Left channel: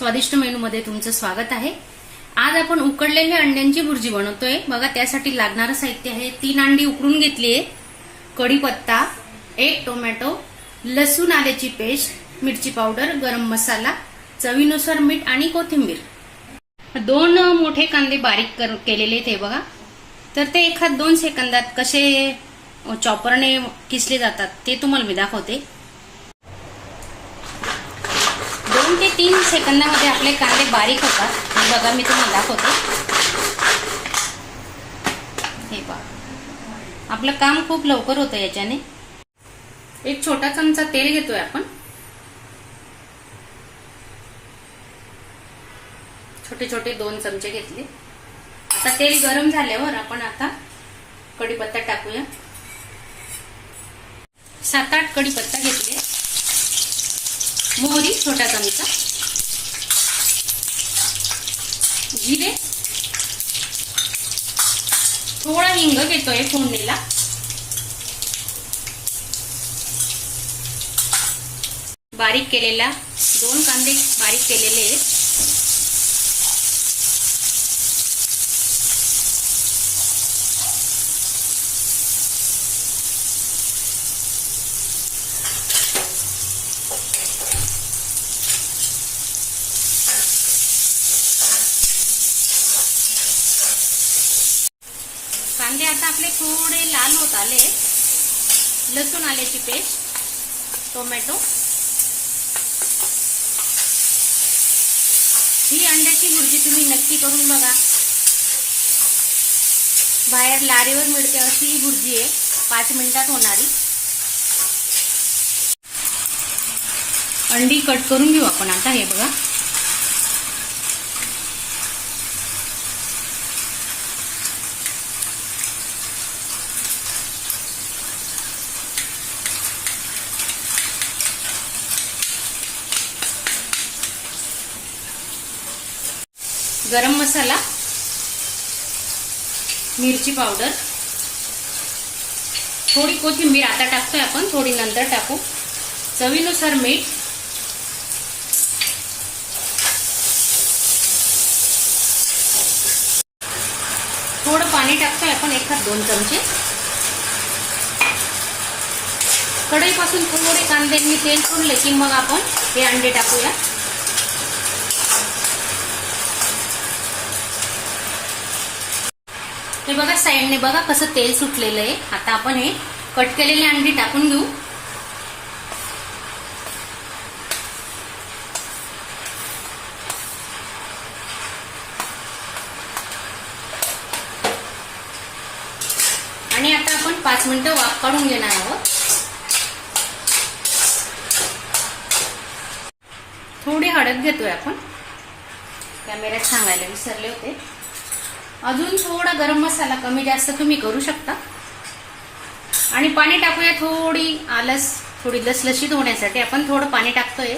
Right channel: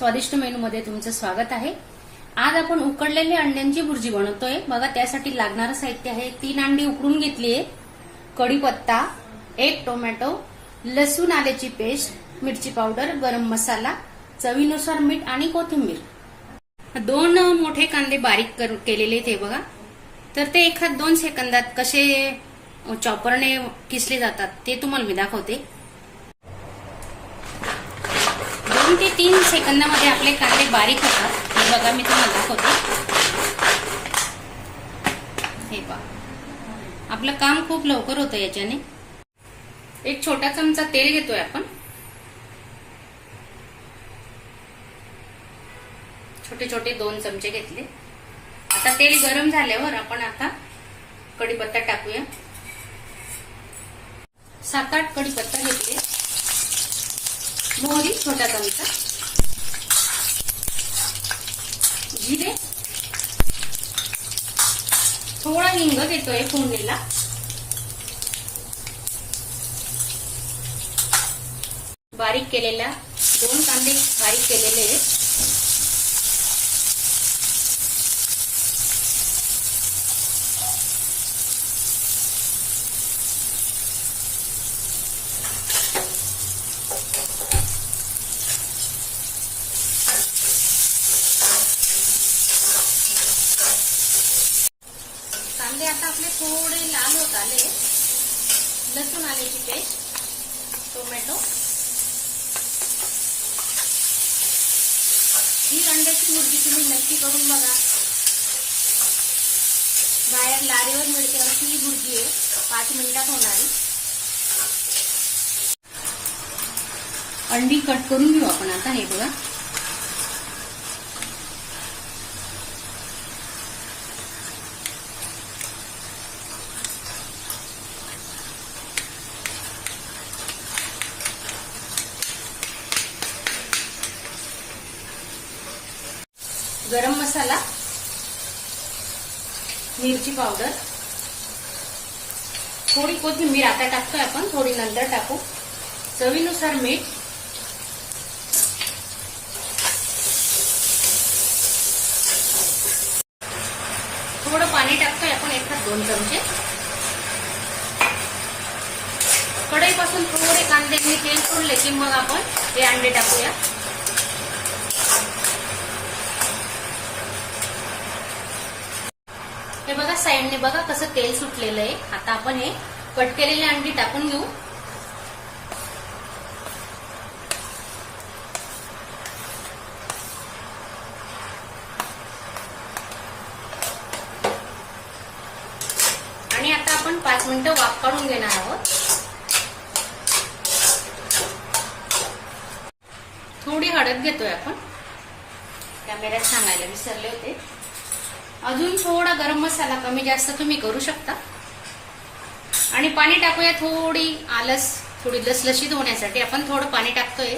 स्वादिष्ट मेनूमध्ये तुमचं स्वागत आहे. आज आपण उकडलेल्या अंड्यांची भुर्जी बनवतोय. बघा त्यासाठी लागणारं साहित्य आहे. तीन अंडी उकडून घेतली आहे कढीपत्ता एक टोमॅटो लसूण आल्याची पेस्ट मिरची पावडर गरम मसाला चवीनुसार मीठ आणि कोथिंबीर. दोन मोठे कांदे बारीक कर- केलेले आहेत बघा. तर ते एखाद दोन सेकंदात कसे चॉपरने किसले जातात ते तुम्हाला मी दाखवते. दोन ते तीन सेकंदामध्ये आपले कांदे बारीक होतात. हे बघा मी तुम्हाला दाखवते. हे पहा. आपलं काम खूप लवकर होतं याच्याने. एक छोटा चमचा तेल घेतोय आपण. छोटे छोटे दोन चमचे घेतले. आता तेल गरम झाल्यावर आपण आता कढीपत्ता टाकूया. सात आठ कढीपत्ता घेतले. मोहरी छोटा चमचा. जिरे. थोडा हिंग घेतोय फोडणीला. बारीक केलेला दोन कांदे बारीक केलेले आहेत. कांदे आता आपले थोडे लाल होत आले. लसूण आल्याची पेस्ट टोमॅटो. ही अंड्याची भुर्जी तुम्ही नक्की करून बघा. बाहेर लारीवर मिळते अशी ही भुर्जी आहे. पाच मिनिटात होणारी. अंडी कट करून घेऊ आपण आता हे बघा. गरम मसाला मिरची पावडर थोडी कोथिंबीर आता टाकतोय आपण थोडी नंतर टाकू. चवीनुसार मीठ थोडं पाणी टाकतोय आपण एखाद दोन चमचे. कढईपासून थोडे कांदे मी तेल सोडले की मग आपण हे अंडे टाकूया. हे बघा साईडने बघा कसं तेल सुटलेलं आहे. आता आपण हे कट केलेली अंडी टाकून घेऊ. आणि आता आपण पाच मिनिटं वाफ काढून घेणार आहोत. थोडी हळद घेतोय आपण. कॅमेऱ्यात सांगायला विसरले होते. अजून थोडा गरम मसाला कमी जास्त तुम्ही करू शकता. आणि पाणी टाकूया थोडी आलस थोडी लसलशीत होण्यासाठी. आपण थोडं पाणी टाकतोय.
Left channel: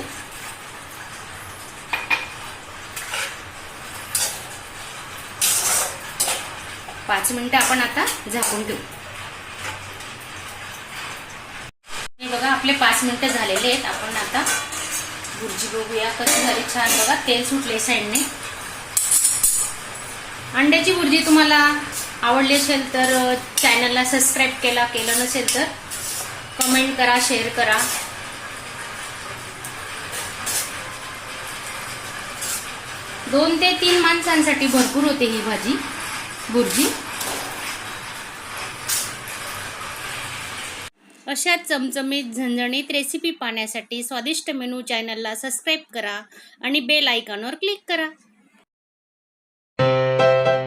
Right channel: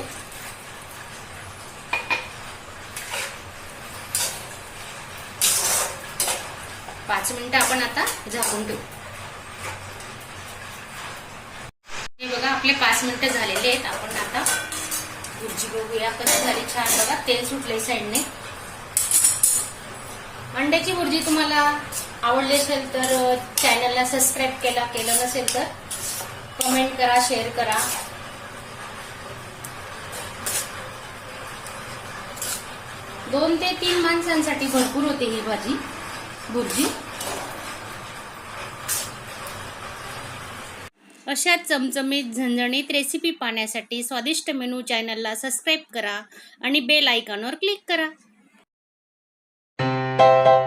पाच मिनिटं आपण आता झाकून ठेवू. हे बघा आपले पाच मिनिटं झालेले आहेत. आपण आता भुर्जी बघूया कसं झाली. छान बघा तेल सुटले साईडने अंड्याची भुर्जी तुम्हाला आवडली असेल तर चॅनलला सबस्क्राईब केला केलं नसेल तर कमेंट करा शेअर करा. दोन ते तीन माणसांसाठी भरपूर होते ही भाजी भुर्जी. अशा चमचमीत झणझणीत रेसिपी पाहण्यासाठी स्वादिष्ट मेनू चॅनलला सबस्क्राईब करा आणि बेल आयकॉनवर क्लिक करा. you